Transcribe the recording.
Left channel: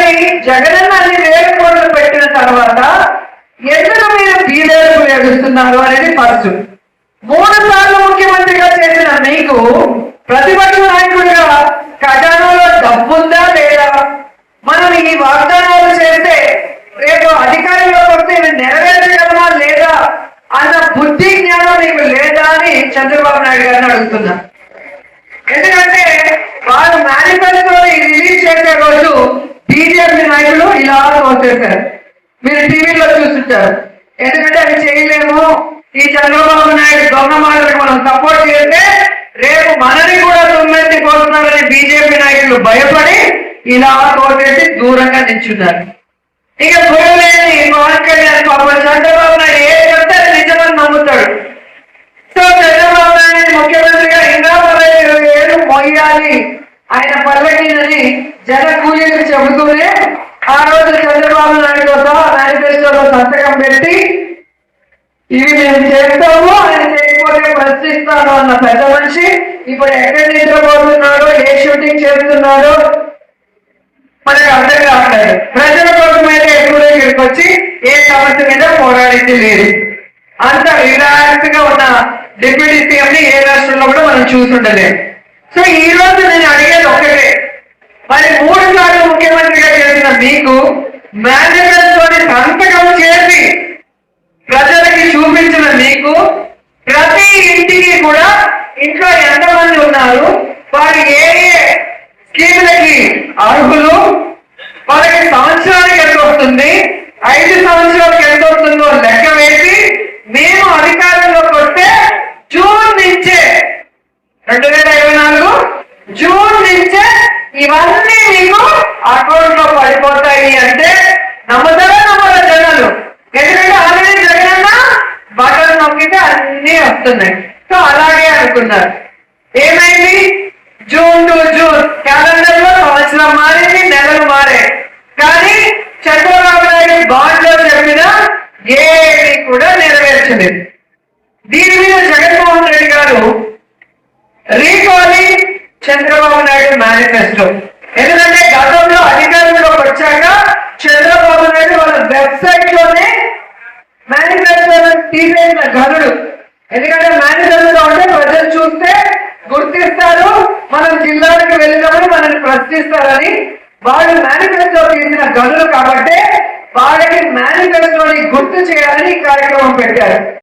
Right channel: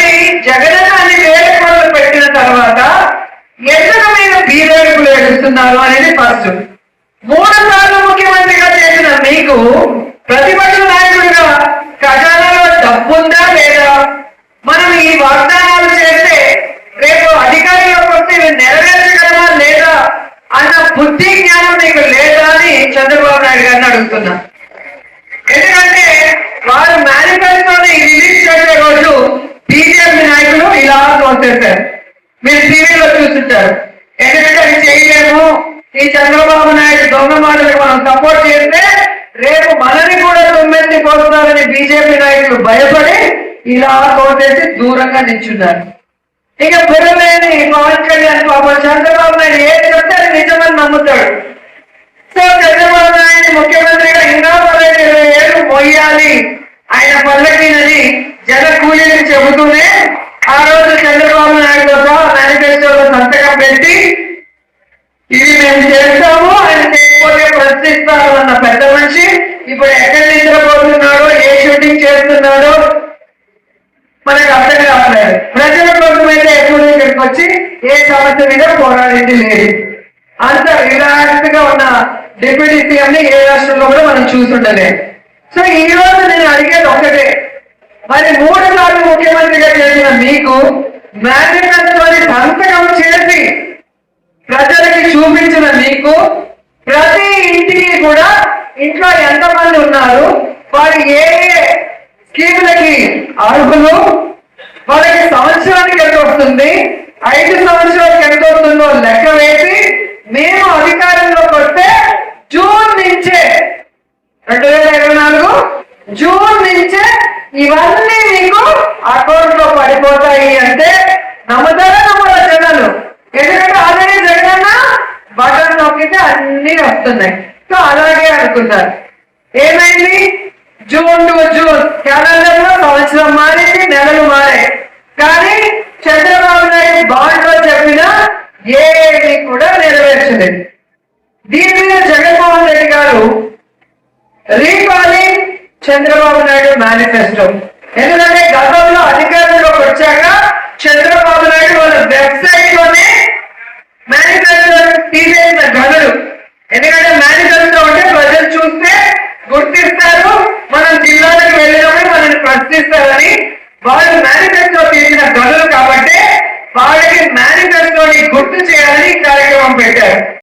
మరి జగనన్న అన్ని వేల కోట్లు పెట్టిన తర్వాత ఎందుకు మీరు బీదలకు వేడుస్తున్నారు అనేది ఫస్ట్. 3 సార్లు ముఖ్యమంత్రిగా చేసిన మీకు ప్రతిపక్ష నాయకుడిగా ఖజానాలో డబ్బుందా లేదా, మనం ఈ వాగ్దానాలు చేస్తే రేపు అధికారంలోకి వస్తే నెరవేర్చగలమా లేదా అన్న బుద్ధి జ్ఞానం మీకు లేదా అని చంద్రబాబు నాయుడు గారిని అడుగుతున్నా. ఎందుకంటే వారు మేనిఫెస్టోని రిలీజ్ చేసే రోజు బీజేపీ నాయకులు ఇలా తోసేశారు. మీరు టీవీలో చూస్తుంటారు. ఎందుకంటే అవి చేయలేము, ఈ చంద్రబాబు నాయుడు దొంగ మాటలకు మనం సపోర్ట్ చేస్తే రేపు మనని కూడా తొమ్మిది పోతున్నారని బీజేపీ నాయకులు భయపడి ఇలా తోసేసి దూరంగా నిల్చున్నారు. ఇక గురువులేని పవన్ కళ్యాణ్ పాపం చంద్రబాబు నాయుడు ఏం చెప్తే అది నిజమని నమ్ముతాడు. సో చంద్రబాబు నాయుడు ముఖ్యమంత్రిగా ఇంకా 20 ఏళ్ళు మొయ్యాలి ఆయన పల్లకినని జన కూలీలకు చెబుతూనే ఆ రోజు చంద్రబాబు నాయుడు మేనిఫెస్టోలో సంతకం పెట్టి ఇవి మేము చేస్తాము, ఆయన చేయకపోతే ప్రశ్నిస్తాము అన్న పెద్ద మనిషి ఇప్పుడు ఎక్కడి నిద్రపోతున్నాడో, ఏ షూటింగ్ చేస్తున్నాడో మనకు అర్థం కావట్లేదు. ప్రజల కోసం అయితే ఎప్పుడు ఇక్కడికి వచ్చి ఏ సమస్య మీద పోరాడింది లేదు. అంత రిలాక్స్ గా ఉన్న డిప్యూటీ సీఎం ని ఏ రాష్ట్రంలో కూడా మనం చూసుండలేదు. సో ఈ రోజు నేను అడిగేది ఒకటే, మరి 3 సార్లు ముఖ్యమంత్రిగా చేసిన మీకు మేనిఫెస్టోని సంతకం చేసి ప్రజలకి చూపించిన మీకు ప్రతి ఇంటికి కూడా ఇంట్లో ఎంతమంది ఉన్నారు, వారి ఏ ఏ స్కీములకి అర్హులు, వాళ్ళకి సంవత్సరానికి ఎంత వస్తుంది, 5 సంవత్సరాలకు ఎంత వస్తుందో లెక్క వేసి మేము అధికారంలోకి వస్తే జూన్ నుంచే 2024 జూన్ నుంచే ఇవన్నీ మీకు అకౌంట్ లో పడిపోతాయి అంటే నమ్మదల జనాలు. ఎందుకంటే ఆల్రెడీ జగనన్న బటన్ నొక్కితే అన్ని వస్తున్నాయి. సో అలాగే అనుకున్నారు. ఏమైంది? జూన్ టు జూన్ క్యాలెండర్ లో సంవత్సరం మారింది, నెలలు మారాయి. కానీ చంద్రబాబు నాయుడు బాండ్ లో చెప్పిన ఏది కూడా నెరవేర్చలేదు. దీని మీద జగన్మోహన్ రెడ్డి గారు రీకాలింగ్ చంద్రబాబు నాయుడు మేనిఫెస్టో. ఎందుకంటే గతంలో అధికారంలోకి వచ్చాక చంద్రబాబు నాయుడు వాళ్ళ వెబ్సైట్ లోనే మేనిఫెస్టో తీసేసిన ఘనుడు. ఎందుకంటే మేనిఫెస్టో అంటే ప్రజలు చూస్తే గుర్తిస్తారు, మనం జిల్లాలకు వెళ్ళినప్పుడు మనల్ని ప్రశ్నిస్తారని వాళ్ళు మేనిఫెస్టో తీసిన ఘనులు కాబట్టి వాళ్ళకి మేనిఫెస్టోని గుర్తు చేయాలని కార్యక్రమం పెట్టారు.